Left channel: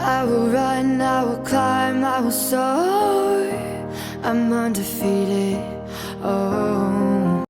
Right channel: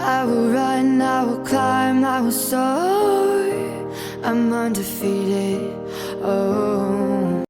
I will run, I will climb, I will soar. I'm undefeated. Oh.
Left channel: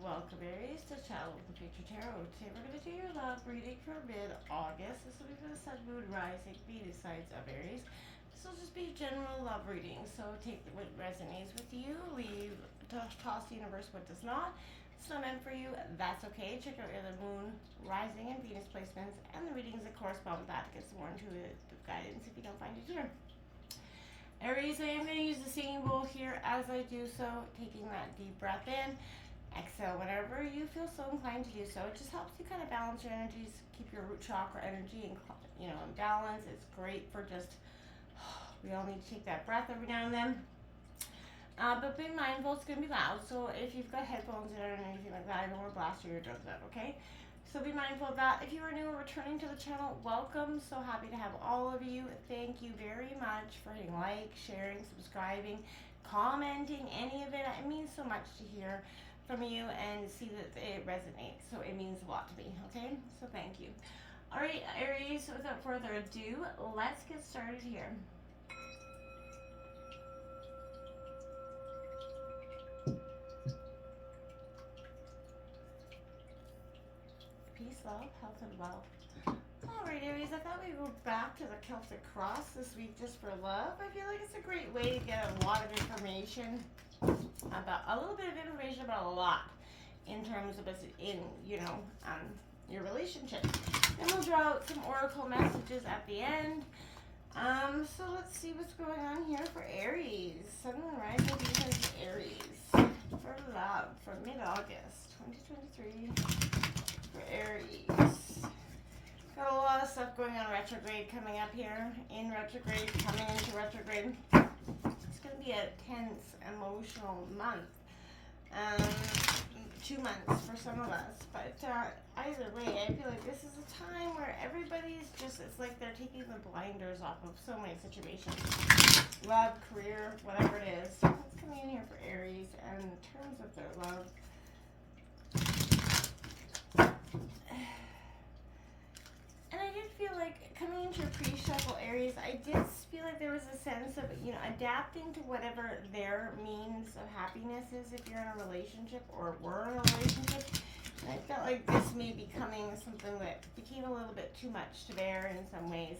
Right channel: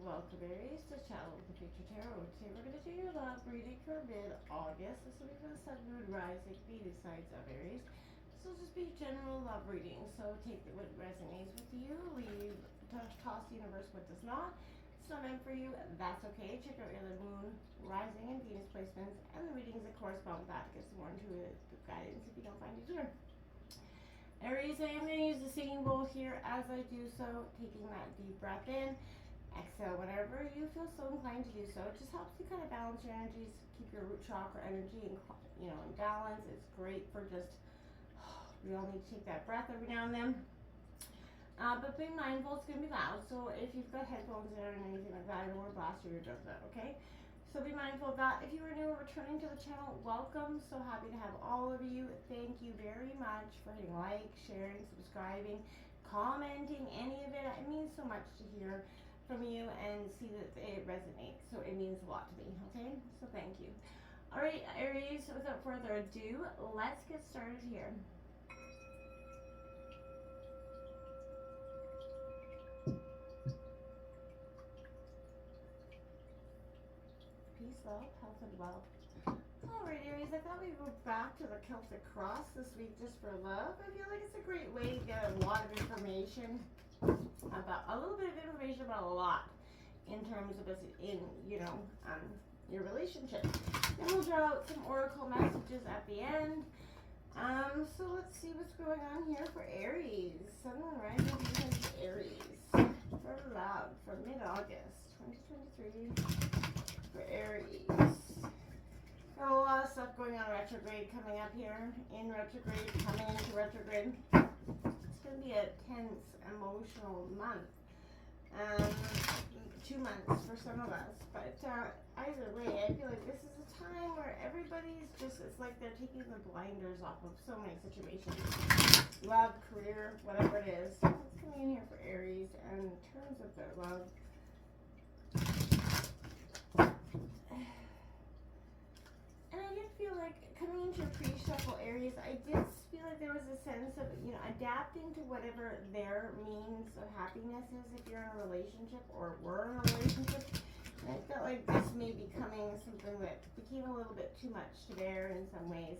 Welcome Aries to Channel with the Future Tarot. Today we're going to do your love reading for mid-August. This will be for the Sun, Moon, Rising, Venus signs of Aries. This will just be general love reading, so take what resonates with you, leave, toss the universe what does not. It's not meant for you, that's okay. Check out your other Moon, Rising, and Venus placements, and the readings that correspond with that to get some more intuitive guidance if you don't find it here. Aries, I am going to use the singing bowl here as I do so, taking that deep breath in. Exhale whenever you feel so inclined to do so. It just helps you kind of balance your energies, keep your root chakra energy in balance. It's great for just, we all need to take that breath every now and then. But be mindful, it's going to be loud. So if you've got headphones in or anything like that, I don't want to blast your eardrums out, okay? So be mindful of that. If you are new or returning to the channel, welcome. So happy to have all of you. Thank you very much for hitting like, sharing, subscribing, commenting, any of it. It means so much to hear from you and see that it resonates. So it means a lot to me, okay? So thank you. All right, Aries, without further ado, let's get started here. Peace, love, health, and wealth. Alright, Aries, I thought we'd go back to the Celtic cross this week just for love. I feel like it's a great way to get a lot of information about, a little bit of information about a lot in terms of your relationship. Then we'll draw out some oracle messages at the end. So let's see what's going on here for Aries. Sun, Moon, Rising, Venus, Aries. For love, for mid-August 2023. For Aries. Got a lot of stuff going on retrograde coming up here. In retrograde, coming into retrograde. It's going to be a tense, emotional month. 2 months for some of us. But either way, I feel like this is a time where everybody's just, it's like they're taking the blinders off of so many situations. Love, career, whatever it is. What's coming in here for Aries and in terms of their love? And I did feel like coming into your pre-shuffle Aries, I did feel like there was a sense of, adapting to whatever their means of happiness is if you're in a relationship or were in a relationship. And I felt like this may be becoming something that became a little bit too much to bear in some ways.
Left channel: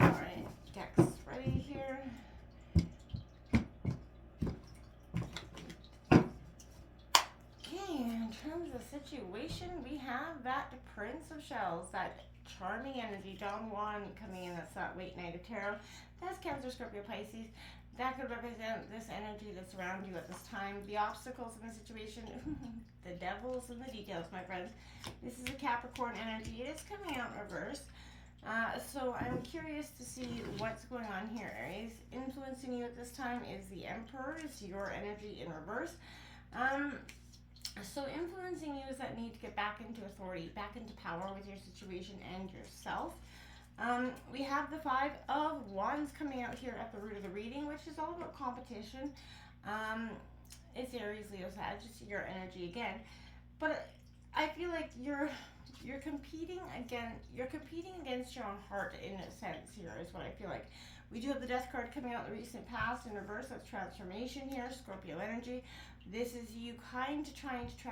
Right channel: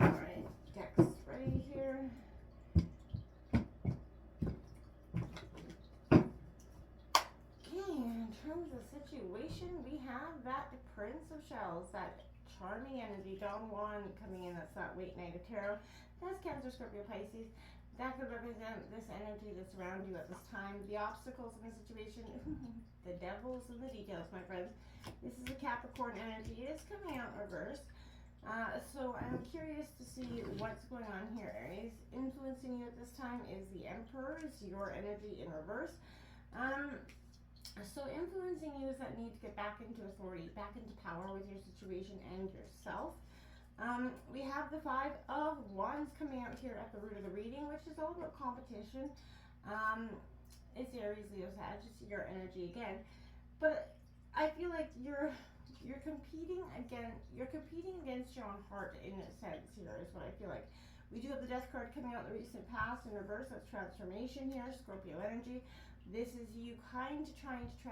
Alright, decks ready here. In terms of situation, we have that Prince of Shells, that charming energy, Don Juan coming in. That's that late night of tarot. That's Cancer, Scorpio, Pisces. That could represent this energy that's around you at this time. The obstacles in the situation, the devil's in the details, my friends. This is a Capricorn energy. It is coming out in reverse. So I'm curious to see what's going on here, Aries. Influencing you at this time is the Emperor. It's your energy in reverse. So influencing you is that need to get back into authority, back into power with your situation and yourself. We have the Five of Wands coming out here at the root of the reading, which is all about competition. It's Aries, Leo, Sagittarius, your energy again. But I feel like you're competing against your own heart in a sense here is what I feel like. We do have the Death card coming out in the recent past in reverse. That's transformation here, Scorpio energy. This is you trying to transform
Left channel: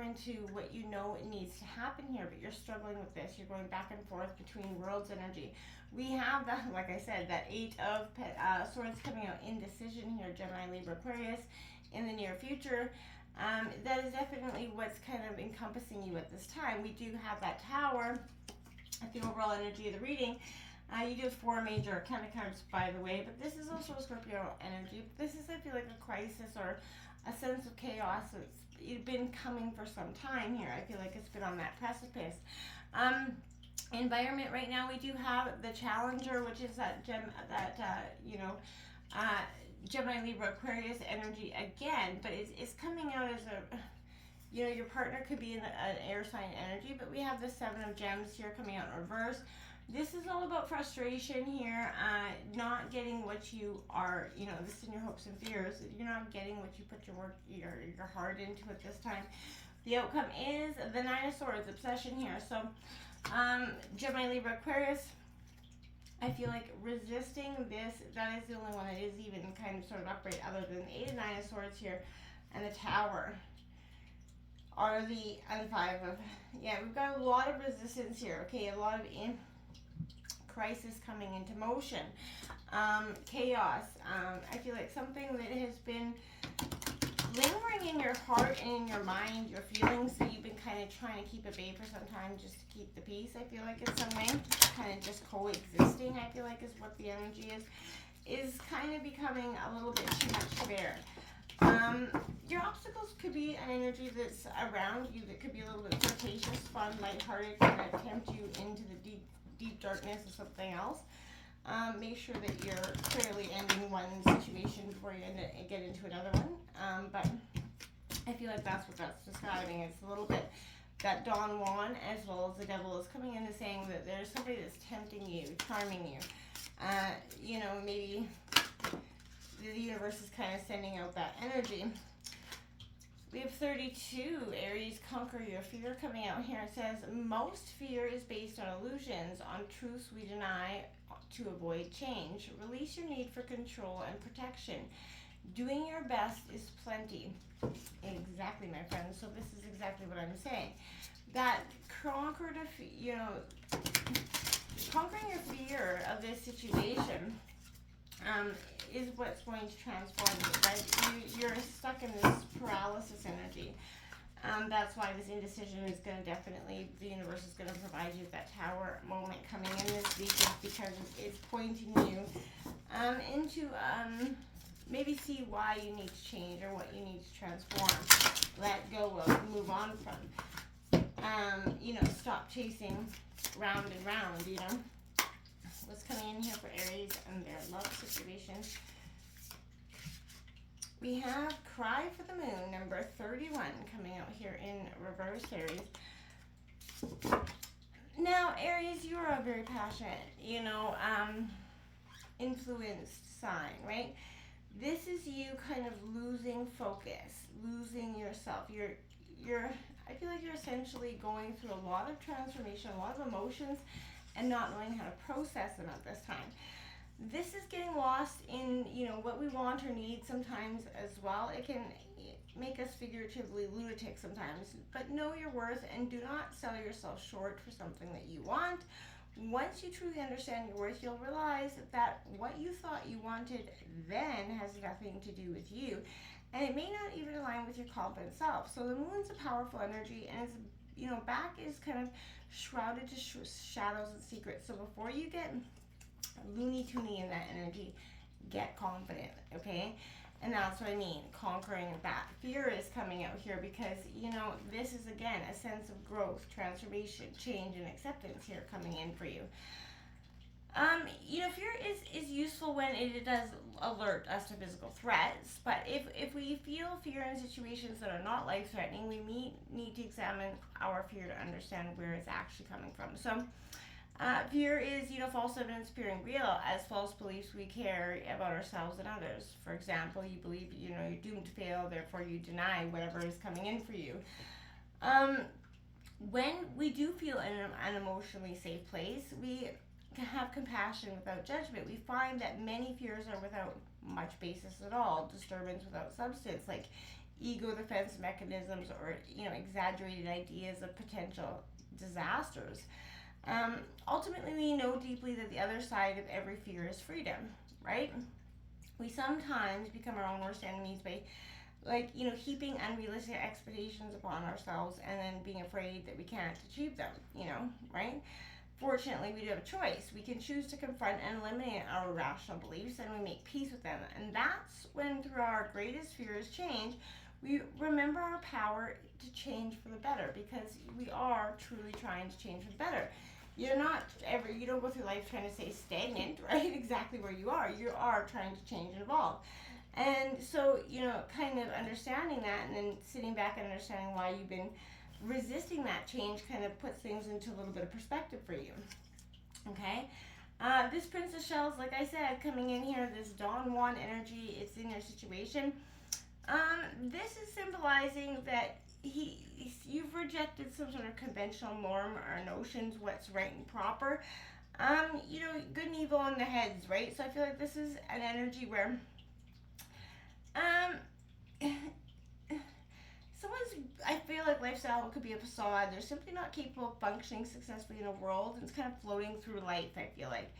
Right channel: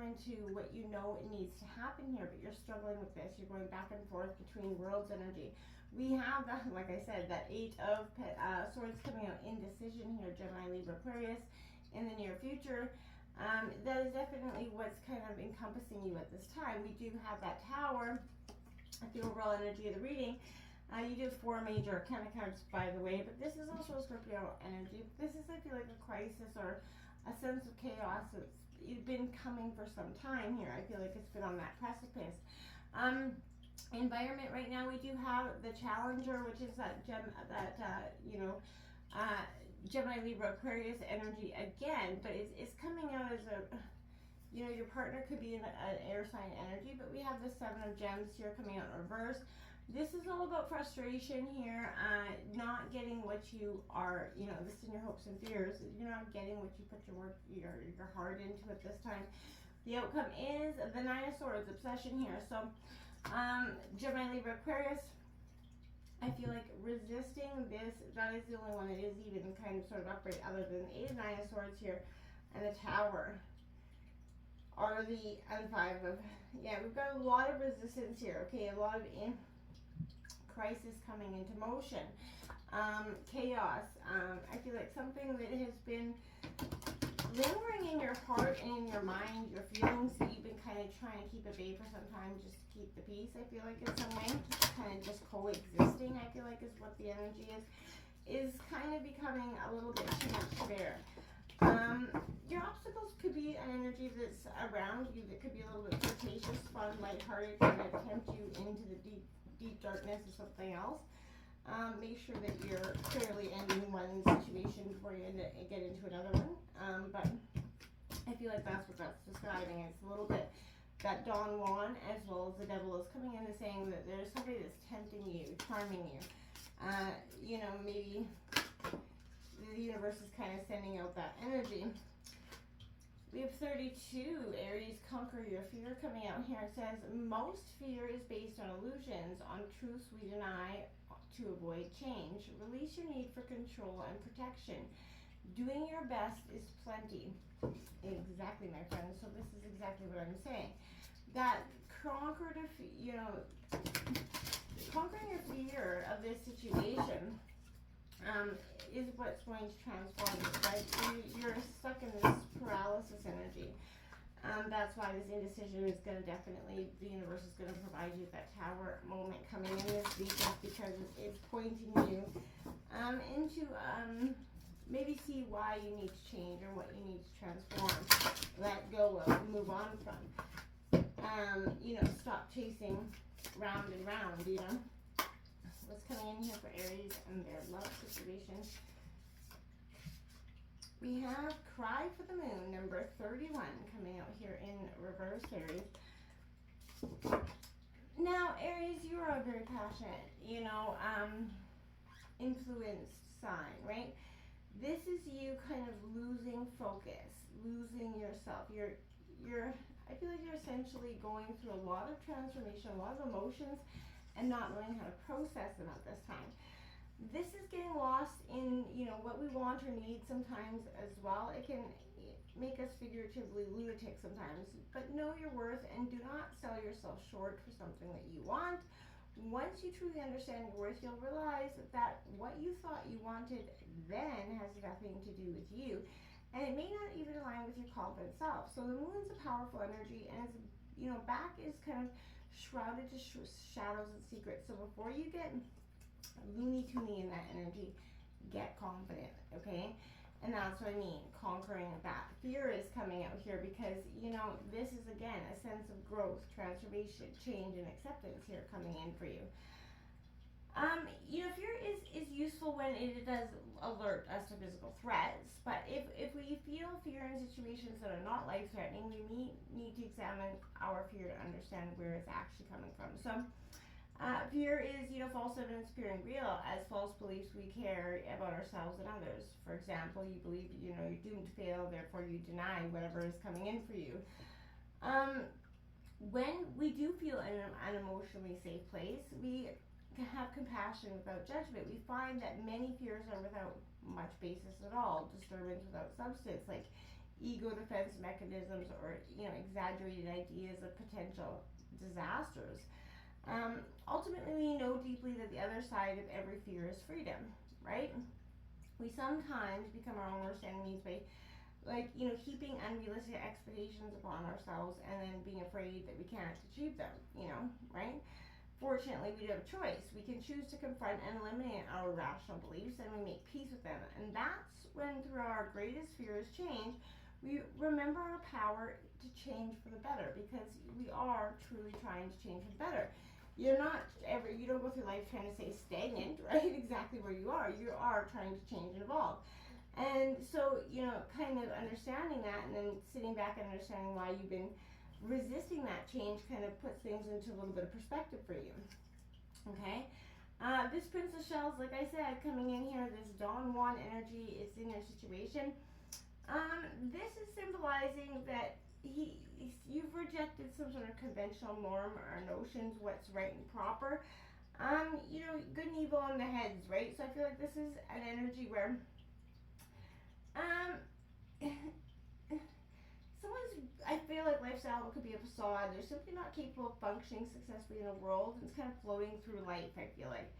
into what you know it needs to happen here, but you're struggling with this. You're going back and forth between worlds energy. We have that, like I said, that Eight of Swords coming out, indecision here, Gemini, Libra, Aquarius in the near future. That is definitely what's kind of encompassing you at this time. We do have that Tower at the overall energy of the reading. You do have 4 major arcana cards, by the way, but this is also a Scorpio energy. This is, I feel like, a crisis or a sense of chaos that's been coming for some time here. I feel like it's been on that precipice. Environment right now, we do have the Challenger, which is that Gemini, Libra, Aquarius energy again, but it's coming out as a, your partner could be in an air sign energy, but we have the Seven of Gems here coming out in reverse. This is all about frustration here, not getting what you are, this in your hopes and fears. You're not getting what you put your heart into at this time. The outcome is the Nine of Swords, obsession here. So, Gemini, Libra, Aquarius, I feel like resisting this, that is the only one that is even kind of sort of upright, other than the 8 and 9 of Swords here and the Tower, or the and 5 of, yeah, we've got a lot of resistance here, okay, a lot of crisis coming into motion, chaos. I feel like something that has been lingering in your heart and in your mind, your feelings that you've been kind of trying to keep at bay for some time, just to keep the peace, I feel like, in some way, kind of just coexisting, I feel like, is what the energy is kind of becoming a little bit too much to bear. Your obstacles could be an energy that's around you that could be a little bit flirtatious, fun, lighthearted, kind of tempt you into the deep darkness of something else. Make sure that you're clearly ending one situation before you get into another one. But I feel like that's what that's describing. It's a little bit that Don Juan as well as the devil is coming into saying that there's somebody that's tempting you, charming you. You know, maybe the universe is kind of sending out that energy. We have 32, Aries, conquer your fear, coming out here. It says, most fear is based on illusions, on truths we deny to avoid change. Release your need for control and protection. Doing your best is plenty. Exactly, my friends. So this is exactly what I'm saying. That conquering your fear of this situation is what's going to transform you, right? You're stuck in this paralysis energy. That's why this indecision is going to definitely, the universe is going to provide you that Tower moment coming in this week, because it's pointing you into maybe see why you need to change or what you need to transform, let go of, move on from. You know, stop chasing round and round, you know. What's coming in here for Aries and their love situation? We have Cry for the Moon, number 31, coming out here in reverse, Aries. Now, Aries, you are a very passionate, you know, influenced sign, right? This is you kind of losing focus, losing yourself. I feel like you're essentially going through a lot of transformation, a lot of emotions, and not knowing how to process them at this time. This is getting lost in, you know, what we want or need sometimes as well. It can make us figuratively lunatic sometimes, but know your worth and do not sell yourself short for something that you want. Once you truly understand your worth, you'll realize that what you thought you wanted then has nothing to do with you, and it may not even align with your confident self. So the moon's a powerful energy, and it's, you know, back is kind of shrouded to shadows and secrets. So before you get loony toony in that energy, get confident, okay? And that's what I mean, conquering that. Fear is coming out here because, you know, this is, again, a sense of growth, transformation, change, and acceptance here coming in for you. You know, fear is useful when it does alert us to physical threats, but if we feel fear in situations that are not life-threatening, we need to examine our fear to understand where it's actually coming from. So, fear is, you know, false evidence appearing real as false beliefs we carry about ourselves and others. For example, you believe, you know, you're doomed to fail, therefore you deny whatever is coming in for you. When we do feel in an emotionally safe place, we have compassion without judgment. We find that many fears are without much basis at all, disturbance without substance, like ego defense mechanisms or, you know, exaggerated ideas of potential disasters. Ultimately, we know deeply that the other side of every fear is freedom, right? We sometimes become our own worst enemies by, like, you know, heaping unrealistic expectations upon ourselves and then being afraid that we can't achieve them, you know, right? Fortunately, we do have a choice. We can choose to confront and eliminate our irrational beliefs, and we make peace with them. And that's when, through our greatest fears change, we remember our power to change for the better, because we are truly trying to change for the better. You don't go through life trying to stay stagnant, right? Exactly where you are. You are trying to change and evolve. And so, you know, kind of understanding that and then sitting back and understanding why you've been resisting that change kind of puts things into a little bit of perspective for you. Okay? This Princess Shells, like I said, coming in here, this Don Juan energy, it's in your situation. This is symbolizing that, you've rejected some sort of conventional norm or notions, what's right and proper. Good and evil in the heads, right? So I feel like this is an energy where um someone's, I feel like lifestyle could be a facade. They're simply not capable of functioning successfully in a world, and it's kind of floating through life, I feel like.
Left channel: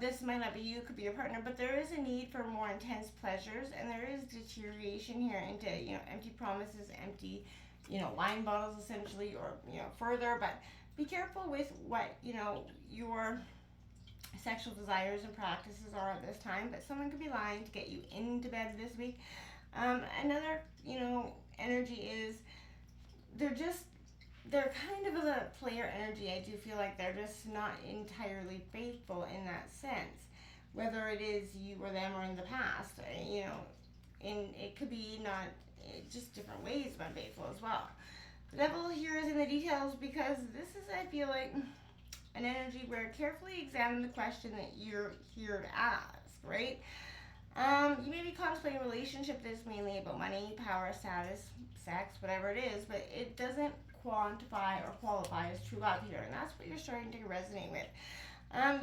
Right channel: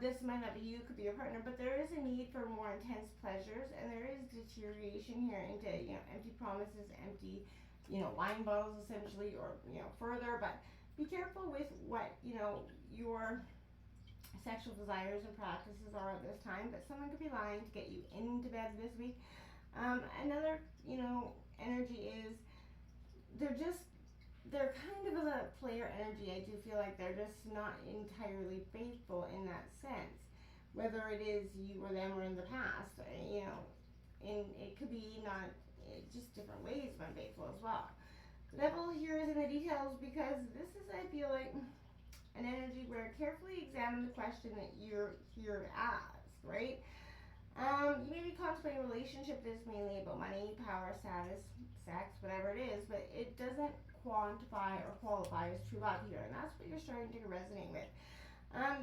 This might not be you, it could be your partner, but there is a need for more intense pleasures, and there is deterioration here into, empty promises, empty, wine bottles essentially, or, further. But be careful with what, your sexual desires and practices are at this time. But someone could be lying to get you into bed this week. Another, energy is they're kind of a player energy. I do feel like they're just not entirely faithful in that sense, whether it is you or them or in the past, and it could be not just different ways of unfaithful as well. The devil here is in the details, because this is, I feel like, an energy where carefully examine the question that you're here to ask, right? You may be contemplating a relationship that is mainly about money, power, status, sex, whatever it is, but it doesn't quantify or qualify as true love here, and that's what you're starting to resonate with.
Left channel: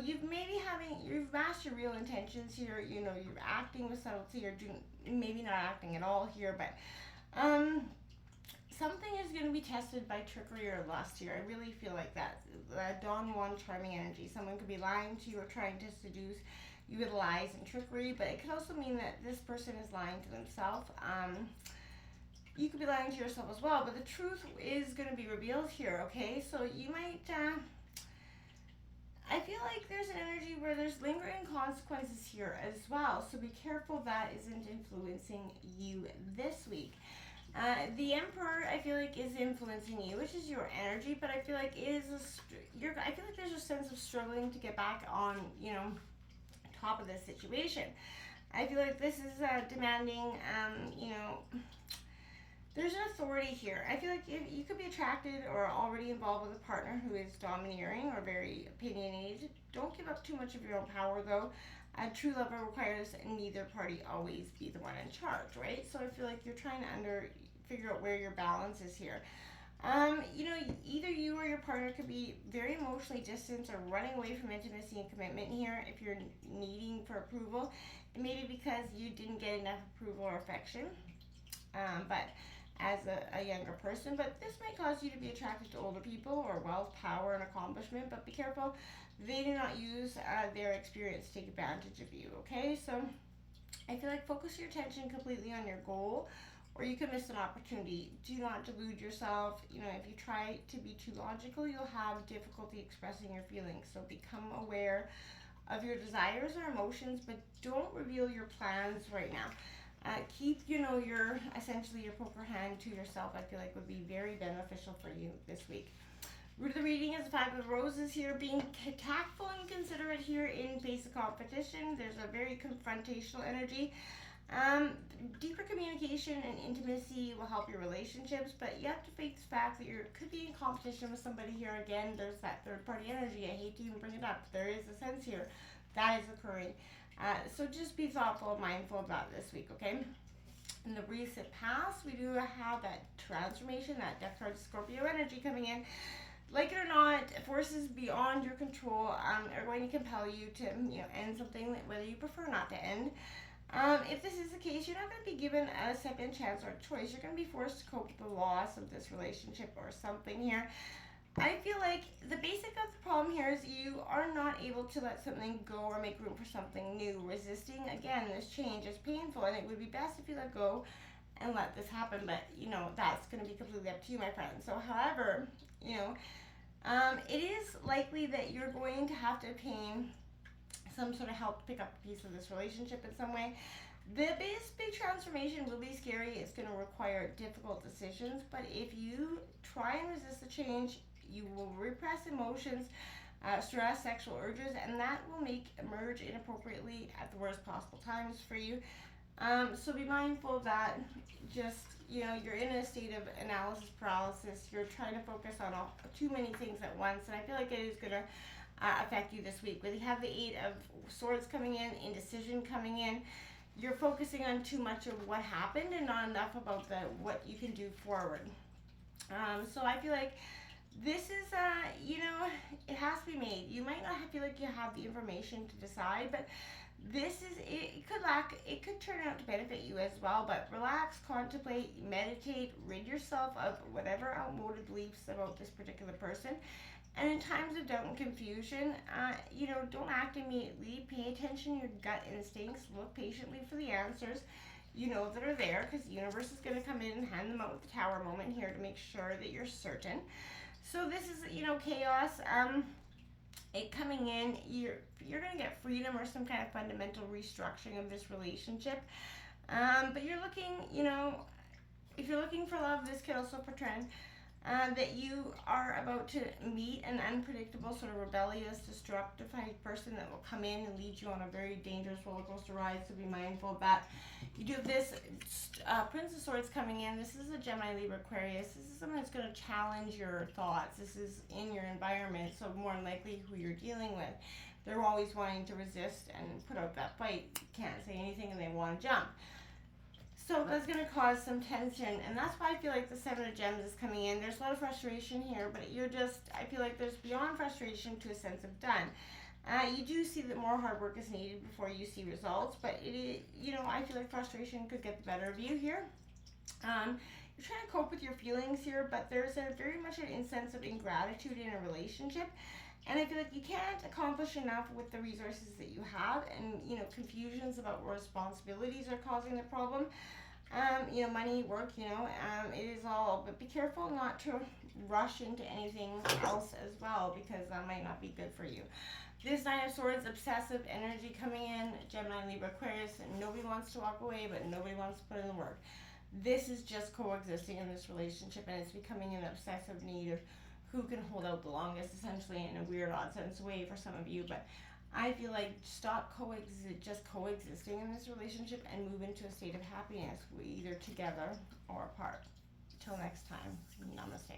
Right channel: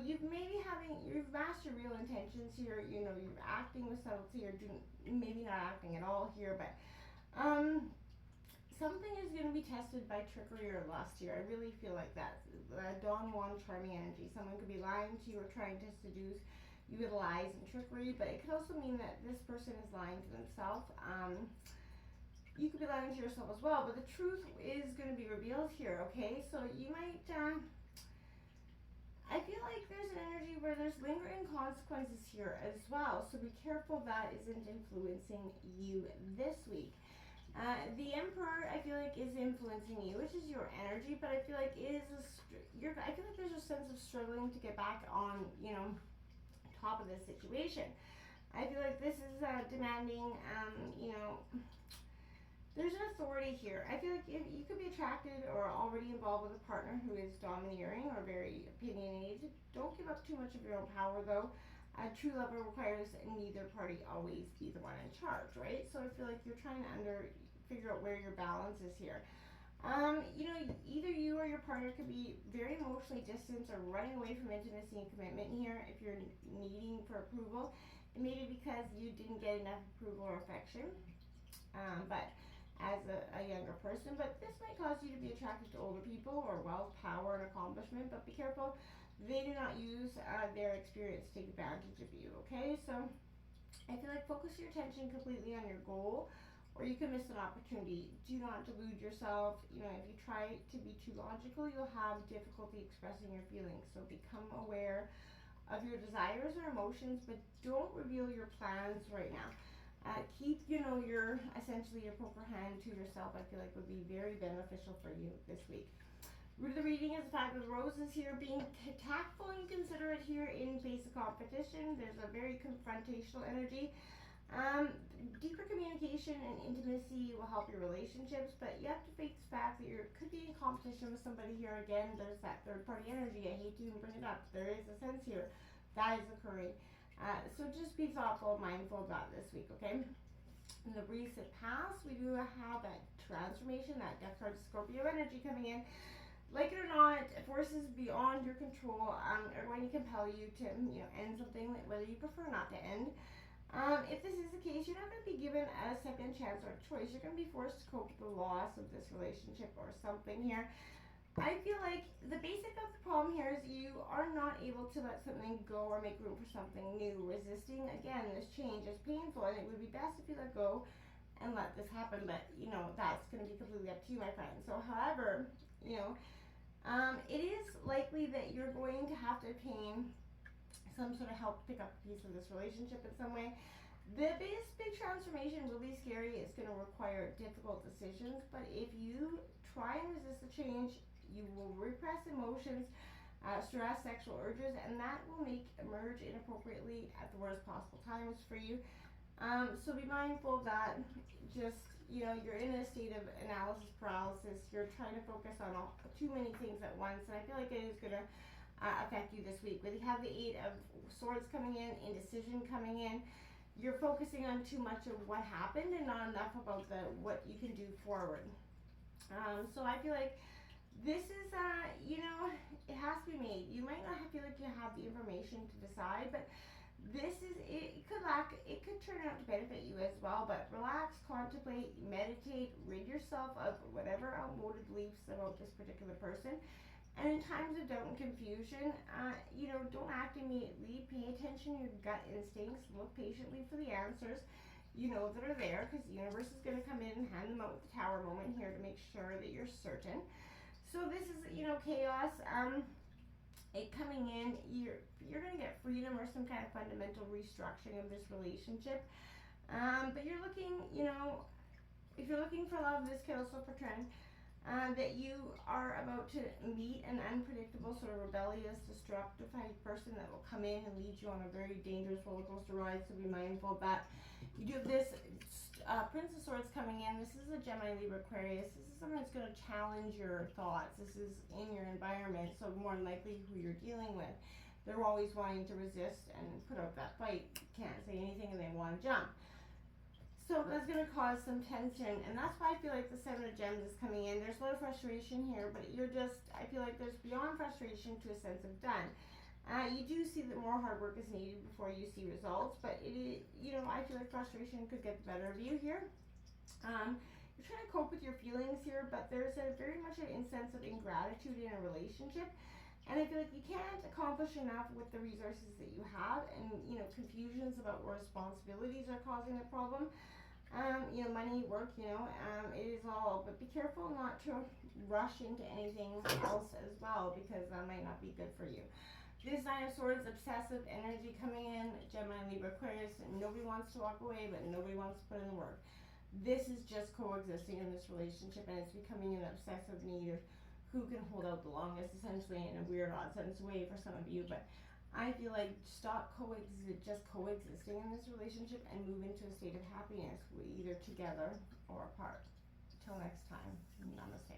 You've masked your real intentions here. You're acting with subtlety, or maybe not acting at all here, but something is going to be tested by trickery or lust here. I really feel like that. Don Juan charming energy. Someone could be lying to you or trying to seduce you with lies and trickery, but it could also mean that this person is lying to themselves. You could be lying to yourself as well, but the truth is going to be revealed here, okay? So you might, I feel like there's an energy where there's lingering consequences here as well, so be careful that isn't influencing you this week. The Emperor, I feel like, is influencing you, which is your energy, but I feel like I feel like there's a sense of struggling to get back on, top of this situation. I feel like this is demanding, there's an authority here. I feel like if you could be attracted or already involved with a partner who is domineering or very opinionated. Don't give up too much of your own power, though. A true lover requires neither party always be the one in charge, right? So I feel like you're trying to figure out where your balance is here. Either you or your partner could be very emotionally distant or running away from intimacy and commitment here if you're needing for approval. It may be because you didn't get enough approval or affection, but as a younger person. But this might cause you to be attracted to older people or wealth, power, and accomplishment. But be careful, they do not use their experience to take advantage of you, okay? So I feel like focus your attention completely on your goal, or you can miss an opportunity. Do not delude yourself. If you try to be too logical, you'll have difficulty expressing your feelings. So become aware of your desires or emotions, but don't reveal your plans right now. Keep, essentially your poker hand to yourself. I feel like would be very beneficial for you this week. Root of the reading is the Five of Roses here, being tactful and considerate here in face of competition. There's a very confrontational energy. Deeper communication and intimacy will help your relationships, but you have to face the fact that you could be in competition with somebody here. Again, there's that third party energy. I hate to even bring it up. There is a sense here that is occurring. So just be thoughtful and mindful about this week, okay? In the recent past, we do have that transformation, that Death card Scorpio energy coming in. Like it or not, forces beyond your control are going to compel you to end something whether you prefer not to end. If this is the case, you're not going to be given a second chance or a choice. You're going to be forced to cope with the loss of this relationship or something here. I feel like the basic of the problem here is you are not able to let something go or make room for something new. Resisting, again, this change is painful, and it would be best if you let go and let this happen, but, that's going to be completely up to you, my friend. So, however, it is likely that you're going to have to obtain some sort of help to pick up a piece of this relationship in some way. This big transformation will be scary. It's going to require difficult decisions, but if you try and resist the change, you will repress emotions, stress, sexual urges, and that will emerge inappropriately at the worst possible times for you. So be mindful of that. Just, you're in a state of analysis paralysis. You're trying to focus on too many things at once, and I feel like it is going to affect you this week. But you have the Eight of Swords coming in, indecision coming in. You're focusing on too much of what happened and not enough about what you can do forward. So I feel like this is, it has to be made. You might not feel like you have the information to decide, but this is, it could turn out to benefit you as well. But relax, contemplate, meditate, rid yourself of whatever outmoded beliefs about this particular person. And in times of doubt and confusion, don't act immediately. Pay attention to your gut instincts. Look patiently for the answers that are there, because the universe is going to come in and hand them out with the tower moment here to make sure that you're certain. So this is, chaos. It coming in, you're gonna get freedom or some kind of fundamental restructuring of this relationship. But you're looking, if you're looking for love, this could also portend that you are about to meet an unpredictable, sort of rebellious, destructive person that will come in and lead you on a very dangerous roller coaster ride. So be mindful of that. You do have this Prince of Swords coming in. This is a Gemini, Libra, Aquarius. This is someone that's going to challenge your thoughts. This is in your environment, so more than likely who you're dealing with. They're always wanting to resist and put out that fight. Can't say anything and they want to jump. So that's going to cause some tension, and that's why I feel like the Seven of Gems is coming in. There's a lot of frustration here, but I feel like there's beyond frustration to a sense of done. You do see that more hard work is needed before you see results, but I feel like frustration could get the better of you here. You're trying to cope with your feelings here, but there's very much an sense of ingratitude in a relationship. And I feel like you can't accomplish enough with the resources that you have, and confusions about what responsibilities are causing the problem. Money, work, it is all, but be careful not to rush into anything else as well, because that might not be good for you. This Nine of Swords, obsessive energy coming in, Gemini, Libra, Aquarius, nobody wants to walk away, but nobody wants to put in the work. This is just coexisting in this relationship, and it's becoming an obsessive need of who can hold out the longest, essentially, in a weird, odd sense way for some of you. But I feel like stop just coexisting in this relationship and move into a state of happiness, either together or apart. Till next time, namaste.